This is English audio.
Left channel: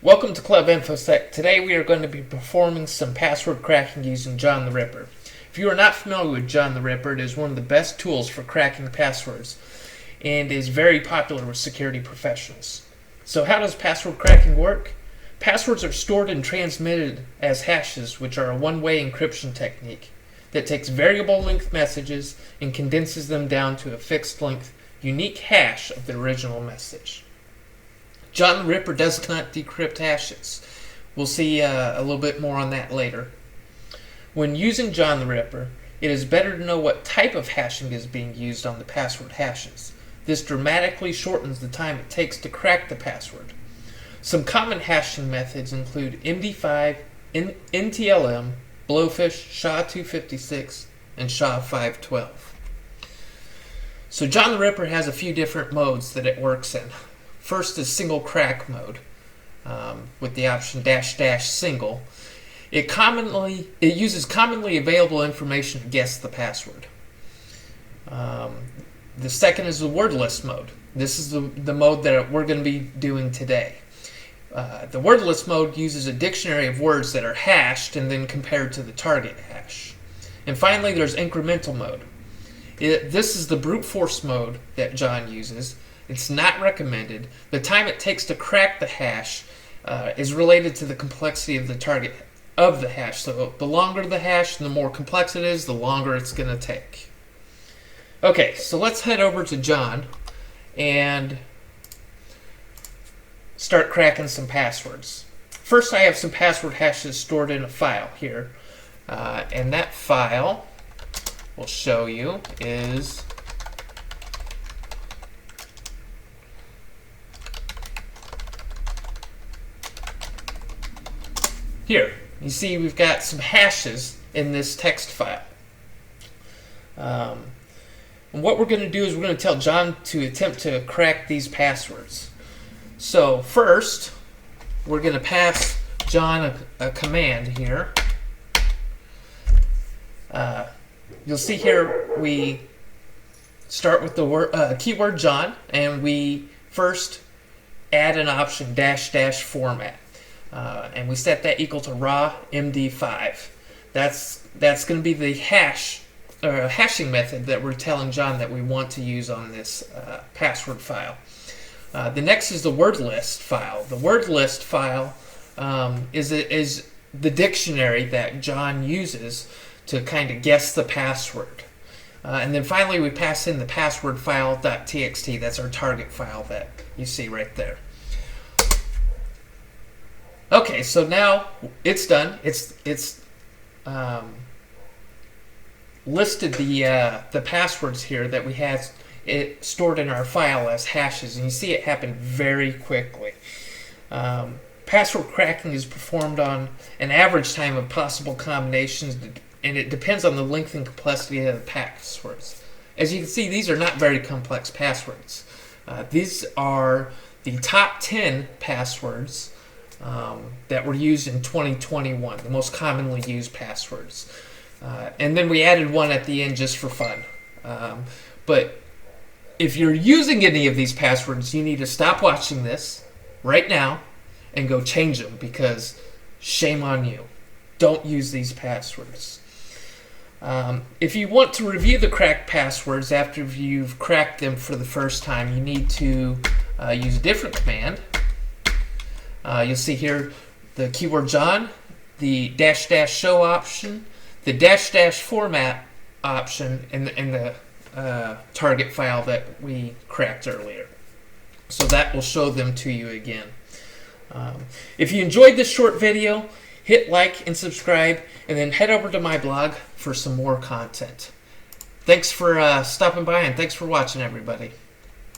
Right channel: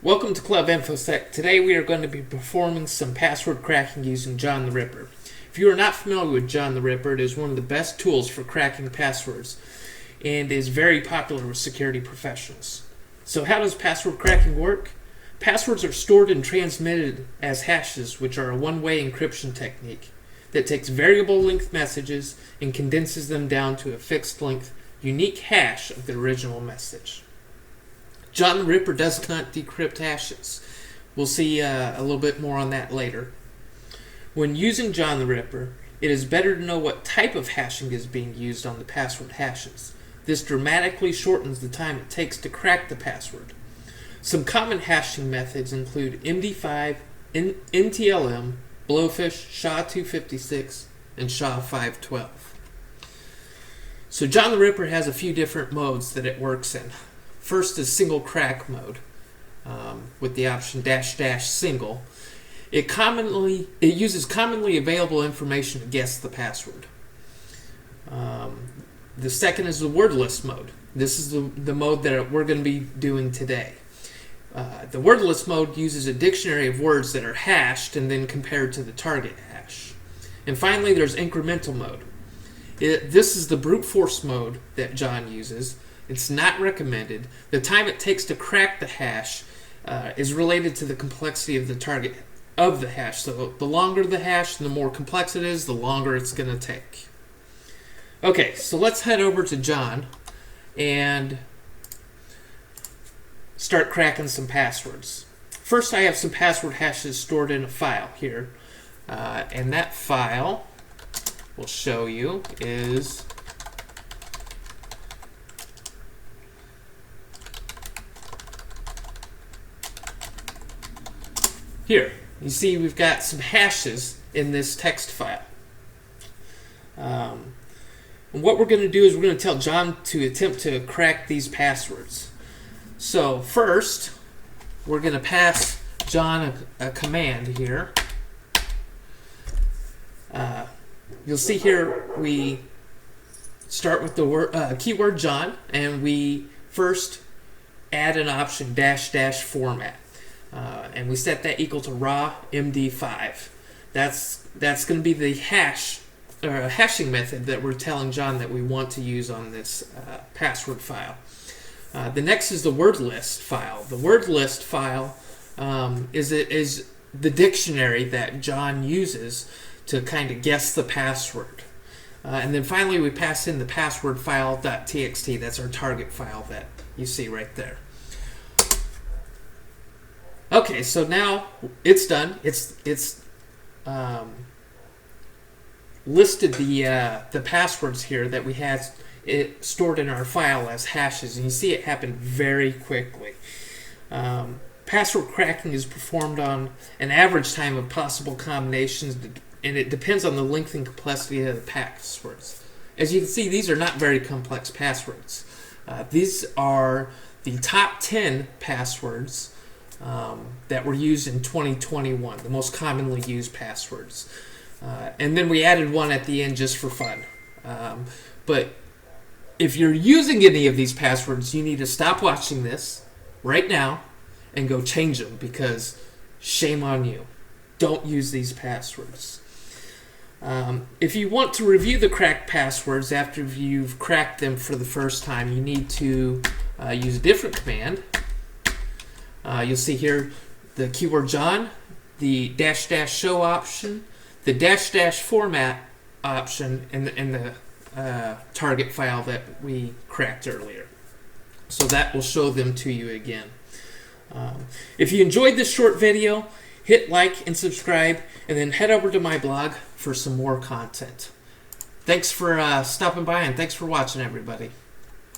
Welcome to Club InfoSec. Today we are going to be performing some password cracking using John the Ripper. If you are not familiar with John the Ripper, it is one of the best tools for cracking passwords and is very popular with security professionals. So how does password cracking work? Passwords are stored and transmitted as hashes, which are a one-way encryption technique that takes variable length messages and condenses them down to a fixed length, unique hash of the original message. John the Ripper does not decrypt hashes. We'll see a little bit more on that later. When using John the Ripper, it is better to know what type of hashing is being used on the password hashes. This dramatically shortens the time it takes to crack the password. Some common hashing methods include MD5, NTLM, Blowfish, SHA-256, and SHA-512. So John the Ripper has a few different modes that it works in. First is single crack mode with the option --single. It uses commonly available information to guess the password. The second is the word list mode. This is the mode that we're going to be doing today. The word list mode uses a dictionary of words that are hashed and then compared to the target hash. And finally, there's incremental mode. This is the brute force mode that John uses. It's not recommended. The time it takes to crack the hash is related to the complexity of the target of the hash. So the longer the hash and the more complex it is, the longer it's going to take. Okay, so let's head over to John and start cracking some passwords. First, I have some password hashes stored in a file here. And that file will show you is here. You see we've got some hashes in this text file. And what we're going to do is we're going to tell John to attempt to crack these passwords. So first, we're going to pass John a command here. You'll see here we start with the keyword John, and we first add an option -- format. And we set that equal to raw MD5. That's going to be the hashing method that we're telling John that we want to use on this password file. The next is the word list file. The word list file is the dictionary that John uses to kind of guess the password. And then finally we pass in the password file.txt. That's our target file that you see right there. Okay, so now it's done. It's listed the passwords here that we had it stored in our file as hashes, and you see it happen very quickly. Password cracking is performed on an average time of possible combinations, and it depends on the length and complexity of the passwords. As you can see, these are not very complex passwords. These are the top 10 passwords that were used in 2021, the most commonly used passwords. And then we added one at the end just for fun. But if you're using any of these passwords, you need to stop watching this right now and go change them, because shame on you. Don't use these passwords. If you want to review the cracked passwords after you've cracked them for the first time, you need to use a different command. You'll see here the keyword John, the --show option, the -- format option, and the target file that we cracked earlier. So that will show them to you again. If you enjoyed this short video, hit like and subscribe, and then head over to my blog for some more content. Thanks for stopping by, and thanks for watching, everybody.